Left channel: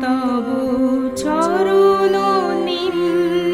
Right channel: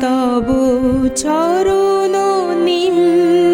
তব চরণ নিম্নে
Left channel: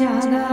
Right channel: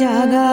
家。